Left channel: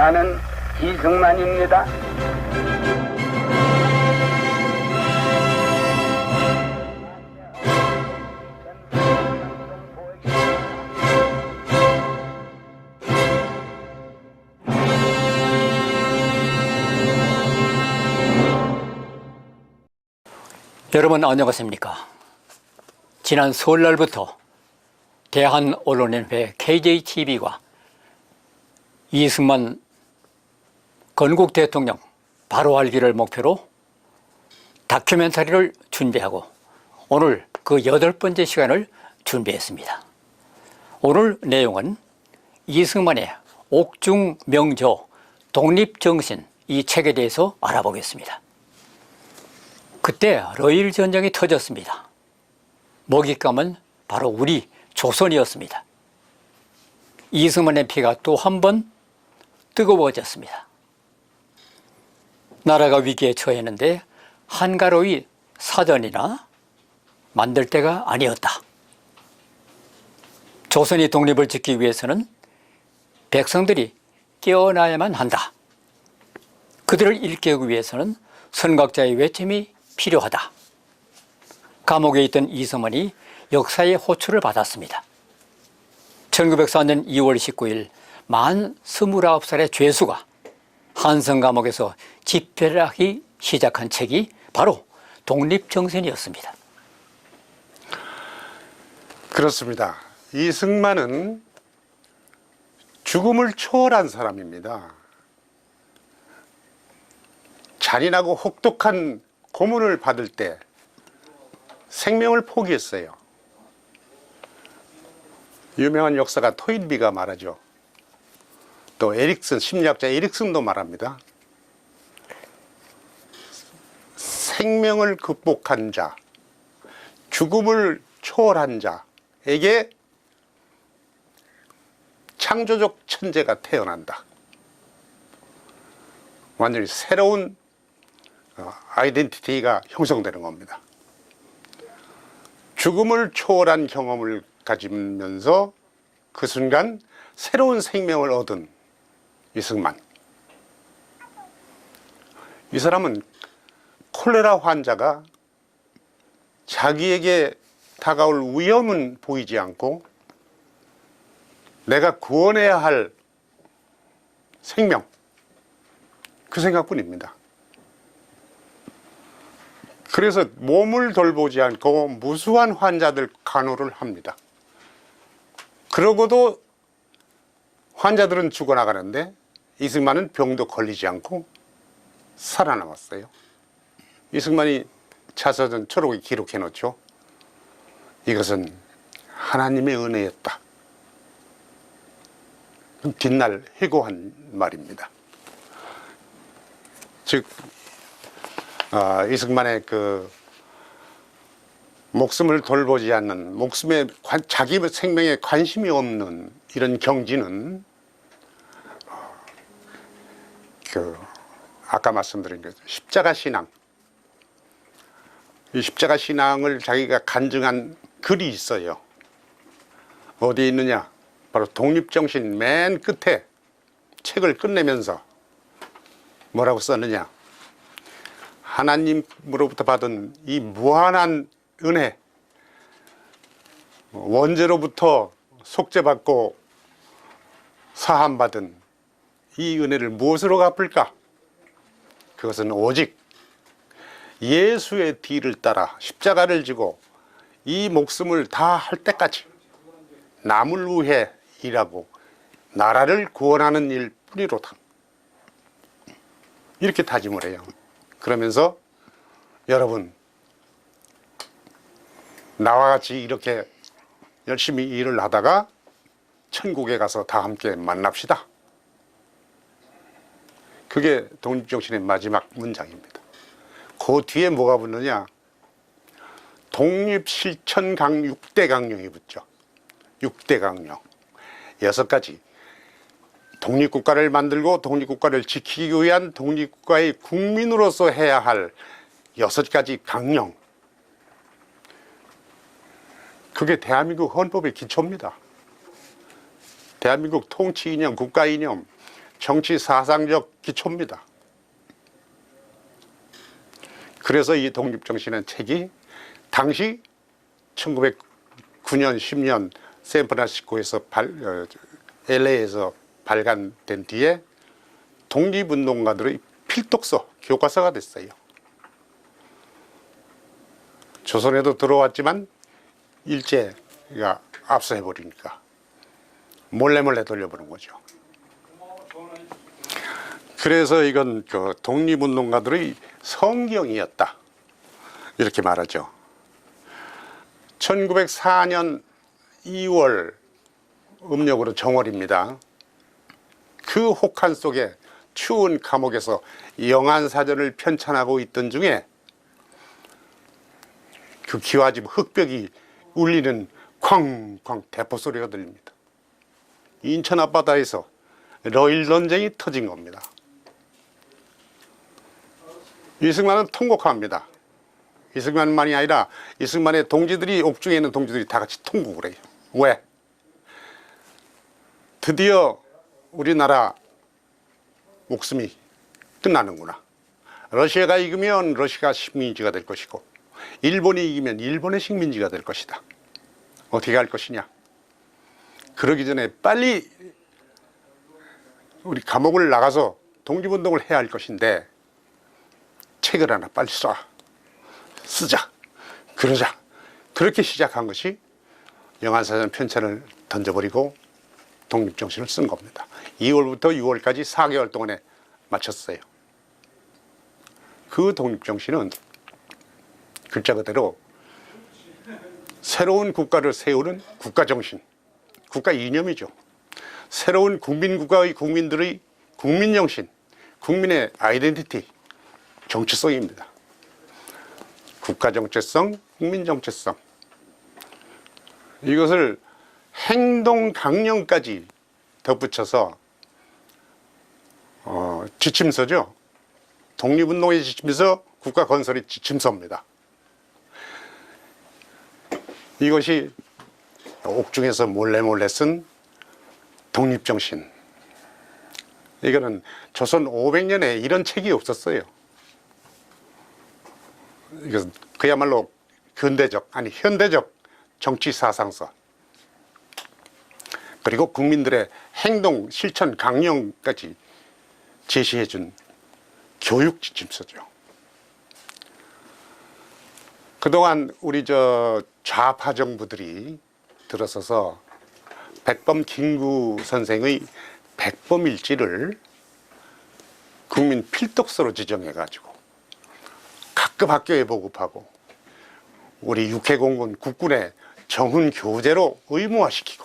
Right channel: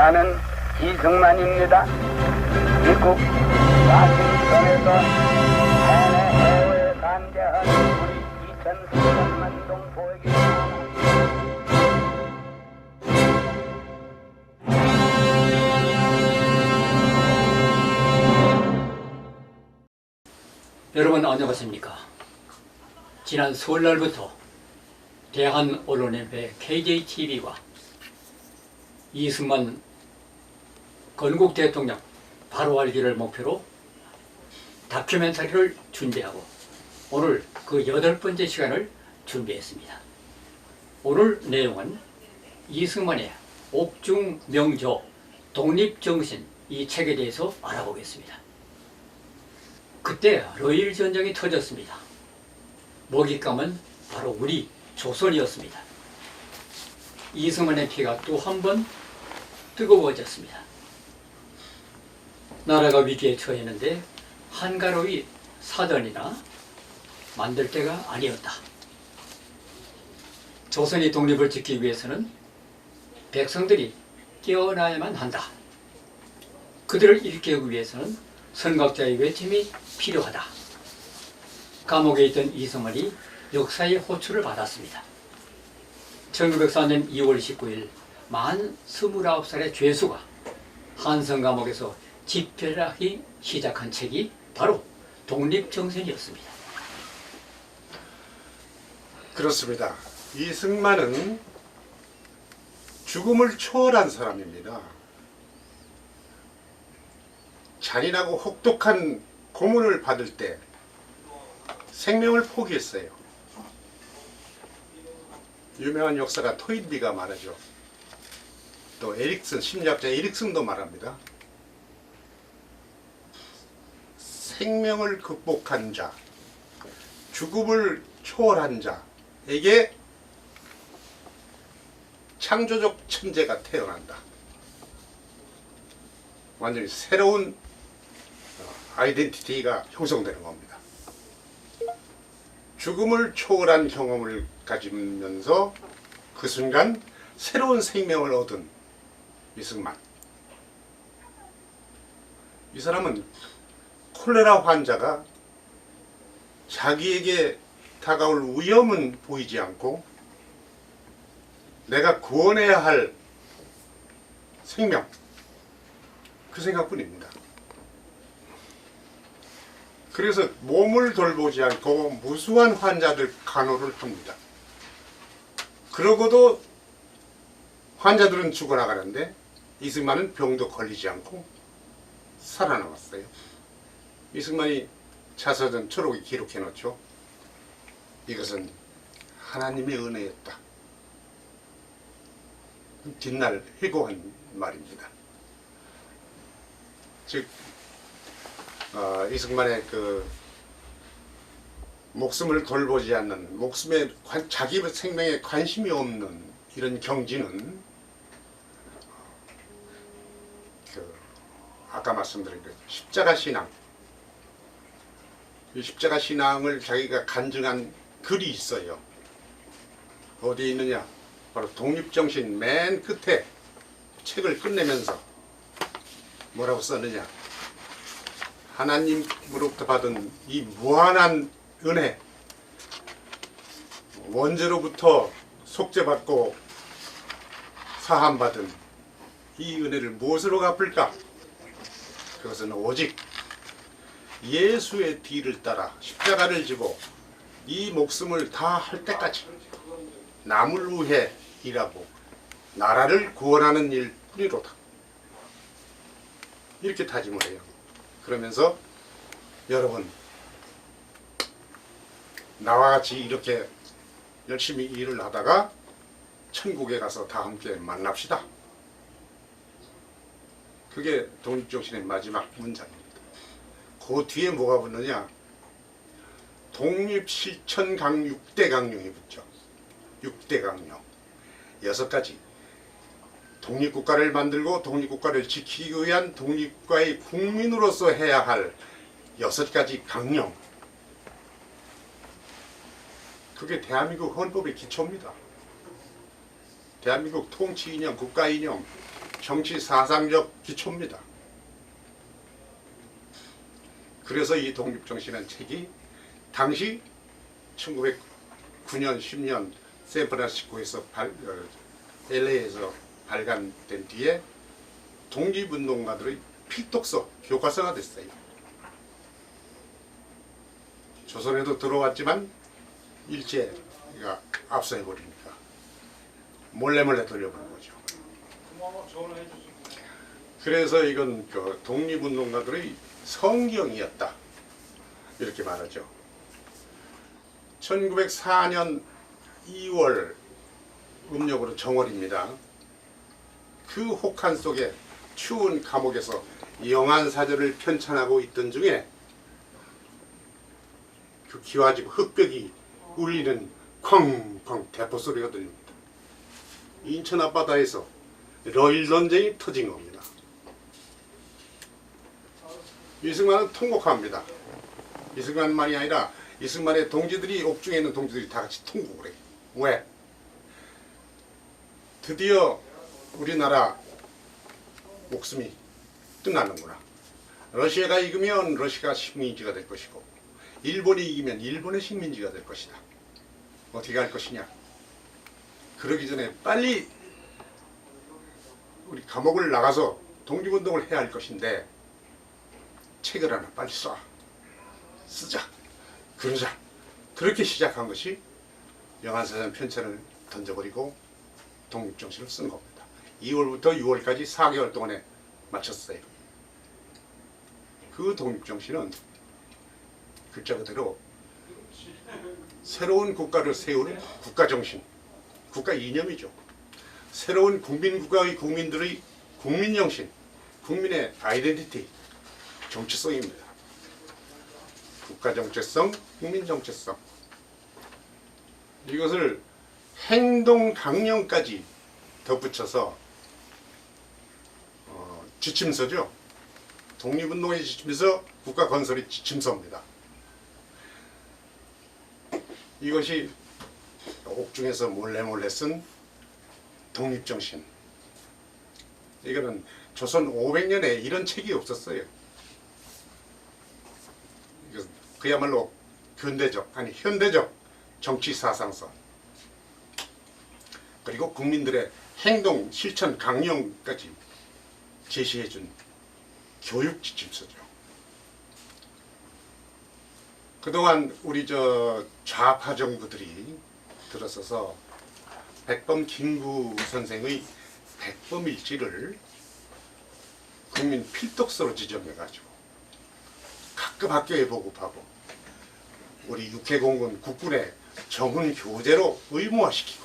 나는 이승만입니다. 미국 와싱턴에서 해외에 관계한 우리 2,300만 동 보에게 말합니다. 여러분 안녕하십니까? 지난 설날부터 대한언론연합회 KJTV가 이승만 건국 대통령 바로 알기를 목표로 다큐멘터리를 준비하고 오늘 그 8번째 시간을 준비했습니다. 오늘 내용은 이승만의 옥중명조 독립정신 이 책에 대해서 알아보겠습니다. 그때 러일 전쟁이 터졌습니다. 먹잇감은 바로 우리 조선이었습니다. 이승만의 피가 또 한 번 뜨거워졌습니다. 나라가 위기에 처했는데 한가로이 사전이나 만들 때가 아니었다. 조선이 독립을 지키기 위해서는 백성들이 깨어나야만 한다. 그들을 일깨우기 위해서는 선각자의 외침이 필요하다. 감옥에 있던 이승만이 역사의 호출을 받았습니다. 1904년 2월 19일 만 29살의 죄수가 한성 감옥에서 집회를 하기 시작한 책이 바로 독립정신이었습니다. 그렇습니다. 이승만은 죽음을 초월한 사람입니다. 잔인하고 혹독한 고문을 받을 때 생명을 포기했어요. 유명한 역사가 토인비가 말하죠. 또 에릭슨, 심리학자 에릭슨도 말합니다. 생명을 극복한 자, 죽음을 초월한 자에게 창조적 천재가 태어난다. 완전히 새로운 아이덴티티가 형성되는 겁니다. 죽음을 초월한 경험을 가지면서 그 순간 새로운 생명을 얻은 이승만. 이 사람은 콜레라 환자가 자기에게 다가올 위험은 보이지 않고 내가 구원해야 할 생명, 그 생각뿐입니다. 그래서 몸을 돌보지 않고 무수한 환자들 간호를 합니다. 그러고도 환자들은 죽어나가는데 이승만은 병도 걸리지 않고 살아남았어요. 이승만이 자서전 초록에 기록해 놓죠. 이것은 하나님의 은혜였다. 뒷날 회고한 말입니다. 즉 이승만의 그 목숨을 돌보지 않는, 목숨에 자기 생명에 관심이 없는 이런 경지는 아까 말씀드린 그 십자가 신앙, 이 십자가 신앙을 자기가 간증한 글이 있어요. 어디에 있느냐? 바로 독립정신 맨 끝에 책을 끝내면서 뭐라고 썼느냐? 하나님으로부터 받은 이 무한한 은혜, 원죄로부터 속죄받고 사함받은 이 은혜를 무엇으로 갚을까? 그것은 오직 예수의 뒤를 따라 십자가를 지고 이 목숨을 다 할 때까지 남을 위해 일하고 나라를 구원하는 일 뿐이로다. 이렇게 다짐을 해요. 그러면서 여러분, 나와 같이 이렇게 열심히 일을 하다가 천국에 가서 다 함께 만납시다. 그게 독립정신의 마지막 문장입니다. 그 뒤에 뭐가 붙느냐? 독립실천강 6대 강령이 붙죠. 6대 강령 6가지. 독립국가를 만들고 독립국가를 지키기 위한 독립국가의 국민으로서 해야 할 6가지 강령. 그게 대한민국 헌법의 기초입니다. 대한민국 통치 이념, 국가 이념, 정치 사상적 기초입니다. 그래서 이 독립정신은 책이 당시 1909년 10년 샌프란시스코에서 LA에서 발간된 뒤에 독립운동가들의 필독서, 교과서가 됐어요. 조선에도 들어왔지만 일제가 압수해버리니까 몰래 돌려보는 거죠. 그래서 이건 그 독립운동가들의 성경이었다, 이렇게 말하죠. 1904년 2월 음력으로 정월입니다. 그 혹한 속에 추운 감옥에서 영안사전을 편찬하고 있던 중에 그 기와집 흙벽이 울리는 쾅쾅 대포 소리가 들립니다. 인천 앞바다에서 러일 전쟁이 터진 겁니다. 이승만은 통곡합니다. 이승만만이 아니라 이승만의 동지들이, 옥중에 있는 동지들이 다 같이 통곡을 해요. 왜? 드디어 우리나라 목숨이 끝나는구나. 러시아가 이기면 러시아 식민지가 될 것이고, 일본이 이기면 일본의 식민지가 될 것이다. 어떻게 할 것이냐? 그러기 전에 빨리 우리 감옥을 나가서 독립운동을 해야 할 것인데 책을 하나 빨리 쓰자, 그러자. 그렇게 시작한 것이 영안사전 편찬을 던져버리고 독립정신을 쓴 겁니다. 2월부터 6월까지 4개월 동안에 마쳤어요. 그 독립정신은 글자 그대로 새로운 국가를 세우는 국가정신, 국가 이념이죠. 새로운 국민국가의 국민들의 국민정신, 국민의 아이덴티티, 정체성입니다. 국가정체성, 국민정체성, 이것을 행동 강령까지 덧붙여서 지침서죠. 독립운동의 지침서, 국가 건설의 지침서입니다. 이것이 옥중에서 몰래 쓴 독립정신. 이거는 조선 500년에 이런 책이 없었어요. 이것은 그야말로 근대적, 아니 현대적 정치 사상서, 그리고 국민들의 행동 실천 강령까지 제시해준 교육 지침서죠. 그동안 우리 좌파 정부들이 들어서서 백범 김구 선생의 백범일지를 국민 필독서로 지정해가지고 각급 학교에 보급하고 우리 육해공군 국군의 정훈 교재로 의무화시키고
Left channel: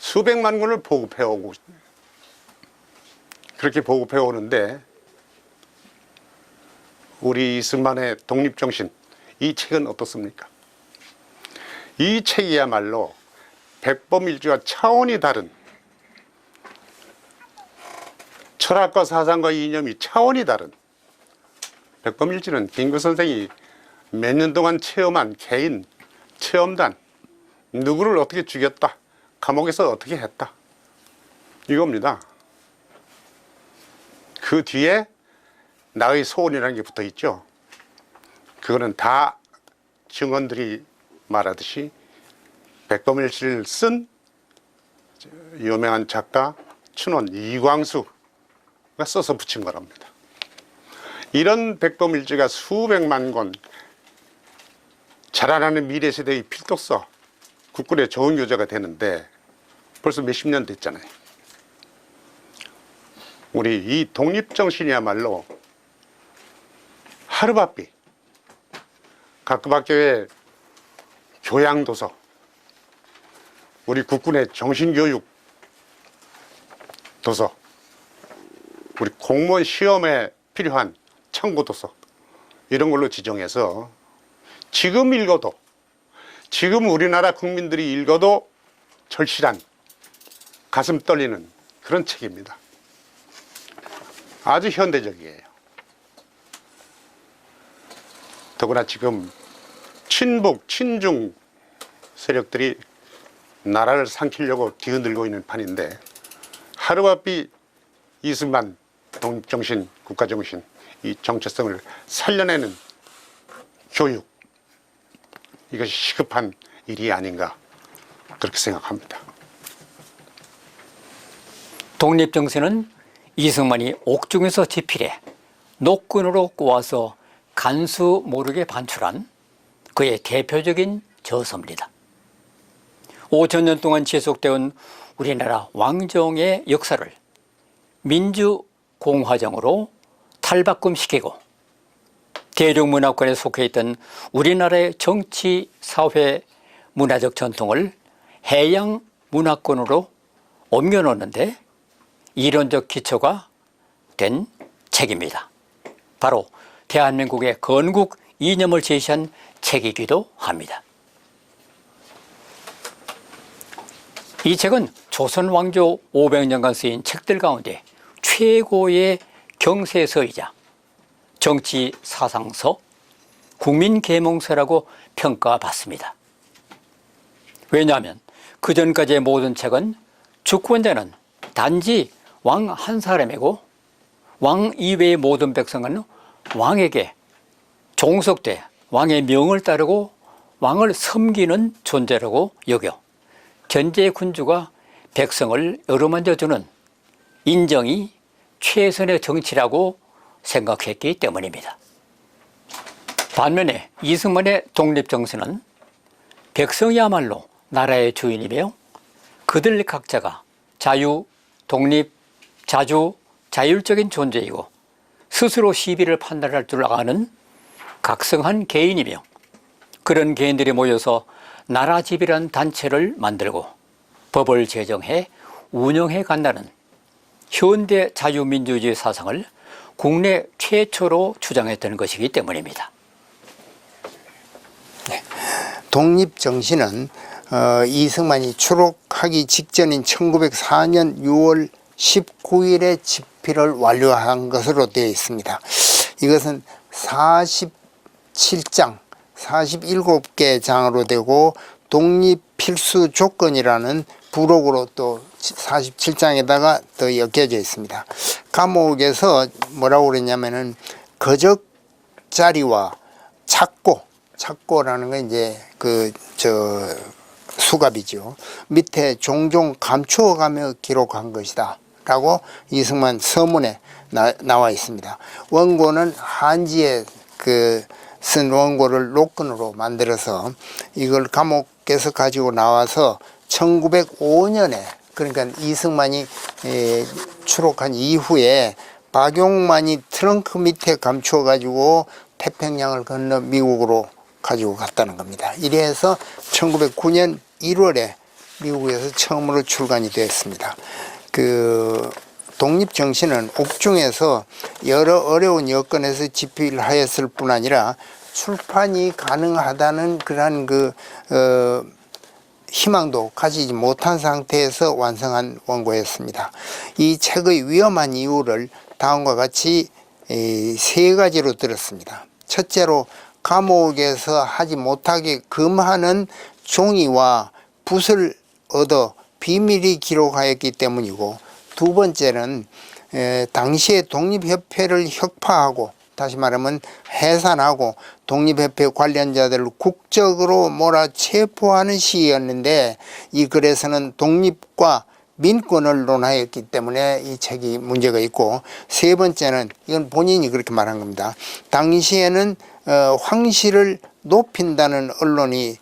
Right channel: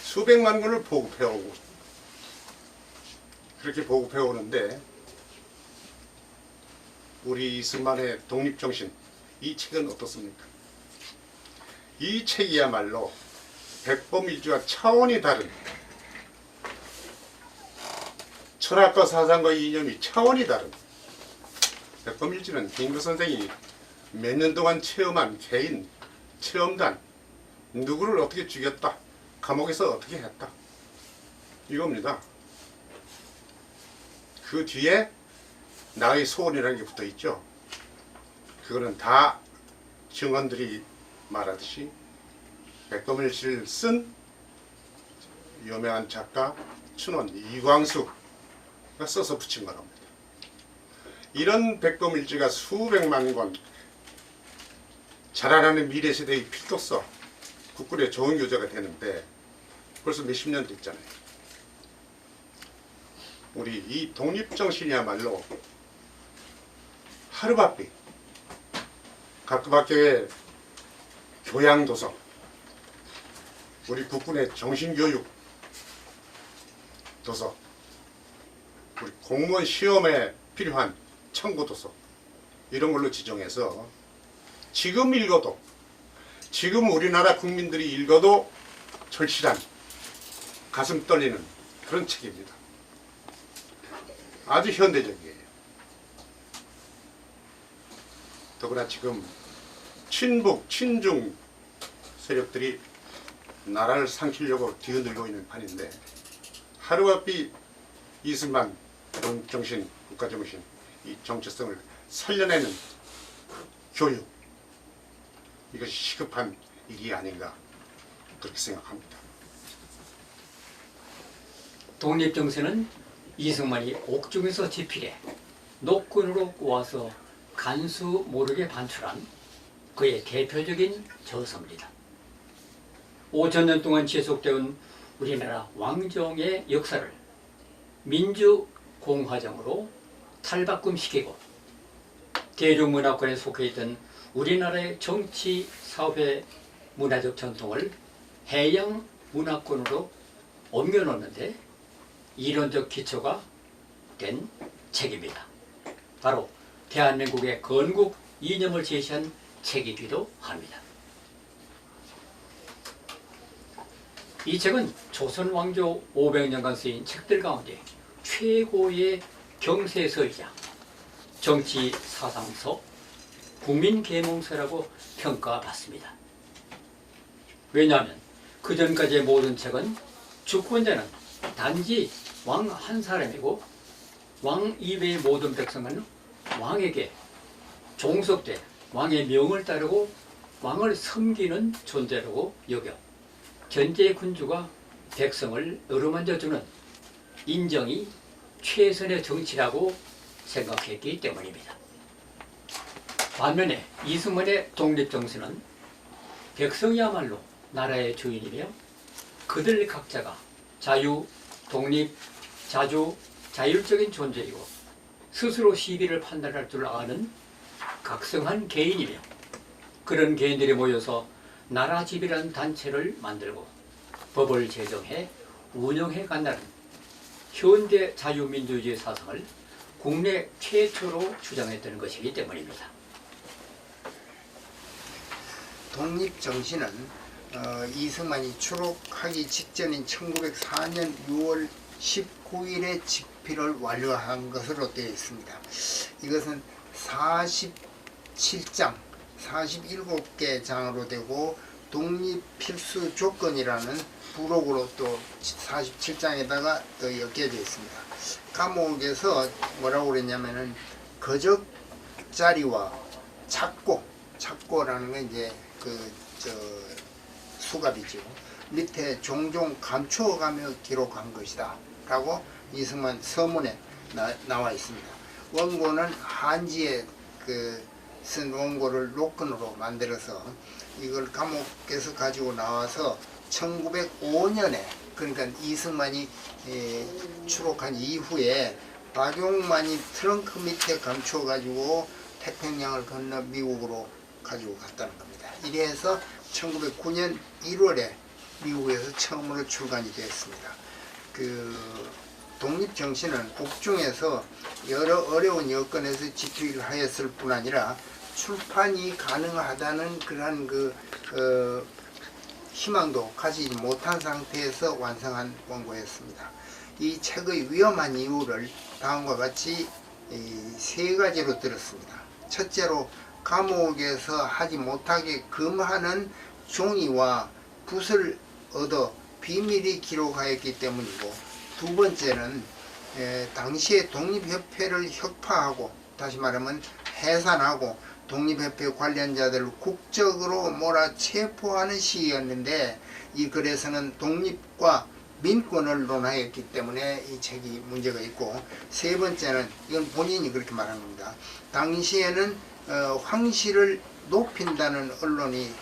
수백만 권을 보급해오고, 그렇게 보급해오는데 우리 이승만의 독립정신, 이 책은 어떻습니까? 이 책이야말로 백범일지와 차원이 다른, 철학과 사상과 이념이 차원이 다른, 백범일지는 김구 선생이 몇 년 동안 체험한 개인 체험단, 누구를 어떻게 죽였다, 감옥에서 어떻게 했다, 이겁니다. 그 뒤에 나의 소원이라는 게 붙어 있죠. 그거는 다 증언들이 말하듯이 백범일지를 쓴 유명한 작가 춘원 이광수가 써서 붙인 거랍니다. 이런 백범일지가 수백만 권, 자라나는 미래세대의 필독서, 국군의 좋은 교재가 되는데 벌써 몇십 년 됐잖아요. 우리 이 독립정신이야말로 하루바삐 각급 학교의 교양도서, 우리 국군의 정신교육 도서, 우리 공무원 시험에 필요한 참고도서, 이런 걸로 지정해서 지금 읽어도, 지금 우리나라 국민들이 읽어도 절실한, 가슴 떨리는 그런 책입니다. 아주 현대적이에요. 더구나 지금 친북, 친중 세력들이 나라를 삼키려고 뒤흔들고 있는 판인데, 하루바삐 이승만 정신, 국가정신, 이 정체성을 살려내는 교육, 이것이 시급한 일이 아닌가 그렇게 생각합니다. 독립정신은 이승만이 옥중에서 집필해 노끈으로 꼬아서 간수 모르게 반출한 그의 대표적인 저서입니다. 5,000년 동안 지속되온 우리나라 왕정의 역사를 민주공화정으로 탈바꿈시키고 대륙문화권에 속해 있던 우리나라의 정치, 사회, 문화적 전통을 해양 문화권으로 옮겨놓는데 이론적 기초가 된 책입니다. 바로 대한민국의 건국 이념을 제시한 책이기도 합니다. 이 책은 조선 왕조 500년간 쓰인 책들 가운데 최고의 경세서이자 정치 사상서, 국민계몽서라고 평가받습니다. 왜냐하면 그전까지의 모든 책은 주권자는 단지 왕 한 사람이고 왕 이외의 모든 백성은 왕에게 종속돼 왕의 명을 따르고 왕을 섬기는 존재라고 여겨 견제 군주가 백성을 어루만져 주는 인정이 최선의 정치라고 생각했기 때문입니다. 반면에 이승만의 독립정신은 백성이야말로 나라의 주인이며 그들 각자가 자유, 독립, 자주, 자율적인 존재이고 스스로 시비를 판단할 줄 아는 각성한 개인이며 그런 개인들이 모여서 나라집이라는 단체를 만들고 법을 제정해 운영해 간다는 현대 자유민주주의 사상을 국내 최초로 주장했던 것이기 때문입니다. 독립정신은 이승만이 추록하기 직전인 1904년 6월 19일에 집필을 완료한 것으로 되어 있습니다. 이것은 47장, 47개 장으로 되고 독립 필수 조건이라는 부록으로 또 47장에다가 더 엮여져 있습니다. 감옥에서 뭐라고 그랬냐면은 거적자리와 착고라는 건 이제 수갑이죠. 밑에 종종 감추어가며 기록한 것이다 라고 이승만 서문에 나와 있습니다. 원고는 한지에 쓴 원고를 노끈으로 만들어서 이걸 감옥에서 가지고 나와서 1905년에 그러니까 이승만이 추록한 이후에 박용만이 트렁크 밑에 감추어 가지고 태평양을 건너 미국으로 가지고 갔다는 겁니다. 이래서 1909년 1월에 미국에서 처음으로 출간이 되었습니다. 독립정신은 옥중에서 여러 어려운 여건에서 집필하였을 뿐 아니라 출판이 가능하다는 그러한 희망도 가지지 못한 상태에서 완성한 원고였습니다. 이 책의 위험한 이유를 다음과 같이 세 가지로 들었습니다. 첫째로 감옥에서 하지 못하게 금하는 종이와 붓을 얻어 비밀히 기록하였기 때문이고, 두 번째는 당시에 독립협회를 혁파하고 다시 말하면 해산하고 독립협회 관련자들을 국적으로 몰아체포하는 시기였는데 이 글에서는 독립과 민권을 논하였기 때문에 이 책이 문제가 있고, 세 번째는 이건 본인이 그렇게 말한 겁니다. 당시에는 황실을 높인다는 언론이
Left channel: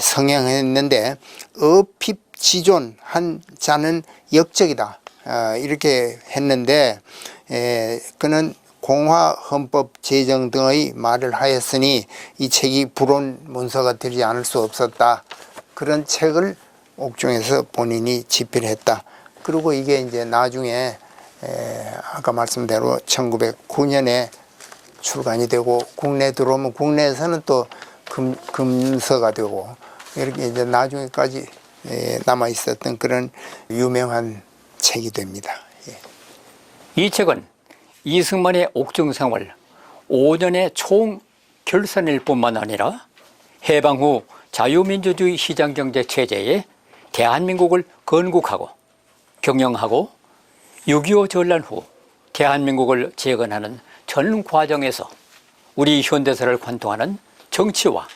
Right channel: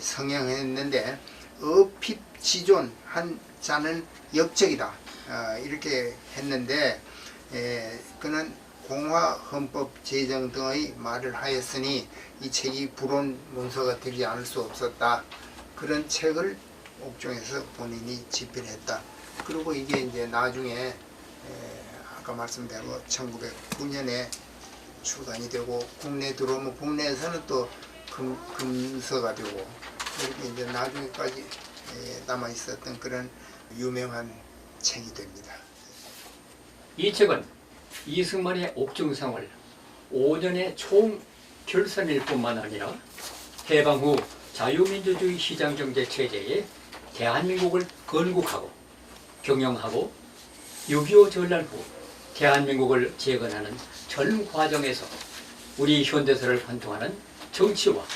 성행했는데 어핍지존한 자는 역적이다 이렇게 했는데 그는 공화헌법 제정 등의 말을 하였으니 이 책이 불온 문서가 되지 않을 수 없었다. 그런 책을 옥중에서 본인이 집필했다. 그리고 이게 이제 나중에 아까 말씀대로 1909년에 출간이 되고 국내에 들어오면 국내에서는 또 금서가 되고 이렇게 이제 나중에까지 남아 있었던 그런 유명한 책이 됩니다. 이 책은 이승만의 옥중 생활 5년의 총 결산일 뿐만 아니라 해방 후 자유민주주의 시장경제 체제에 대한민국을 건국하고 경영하고 6.25 전란 후 대한민국을 재건하는 전 과정에서 우리 현대사를 관통하는 정치와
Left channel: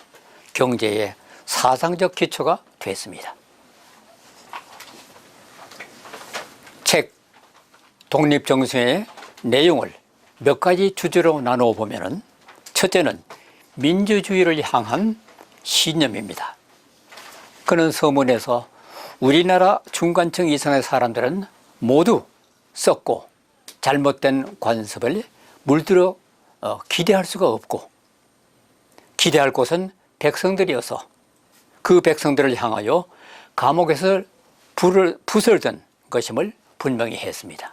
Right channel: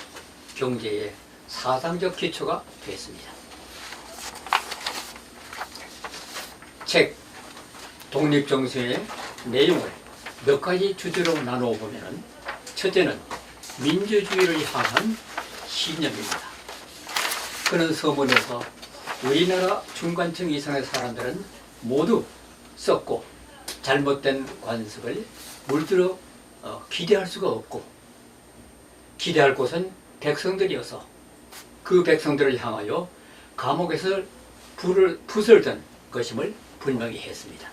경제의 사상적 기초가 됐습니다. 책 독립정신의 내용을 몇 가지 주제로 나누어 보면 첫째는 민주주의를 향한 신념입니다. 그는 서문에서 우리나라 중간층 이상의 사람들은 모두 썩고 잘못된 관습을 물들어 기대할 수가 없고 기대할 곳은 백성들이어서 그 백성들을 향하여 감옥에서 붓을 든 것임을 분명히 했습니다.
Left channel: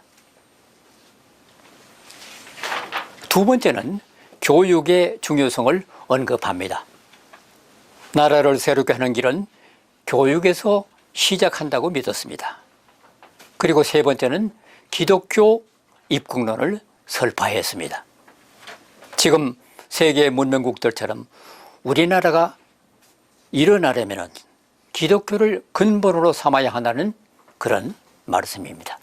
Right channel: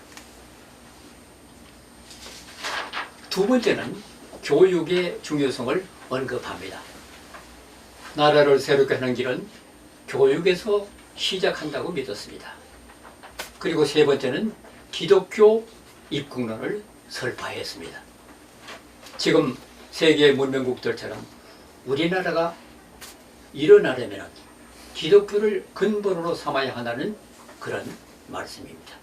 두 번째는 교육의 중요성을 언급합니다. 나라를 새롭게 하는 길은 교육에서 시작한다고 믿었습니다. 그리고 세 번째는 기독교 입국론을 설파했습니다. 지금 세계 문명국들처럼 우리나라가 일어나려면 기독교를 근본으로 삼아야 한다는 그런 말씀입니다.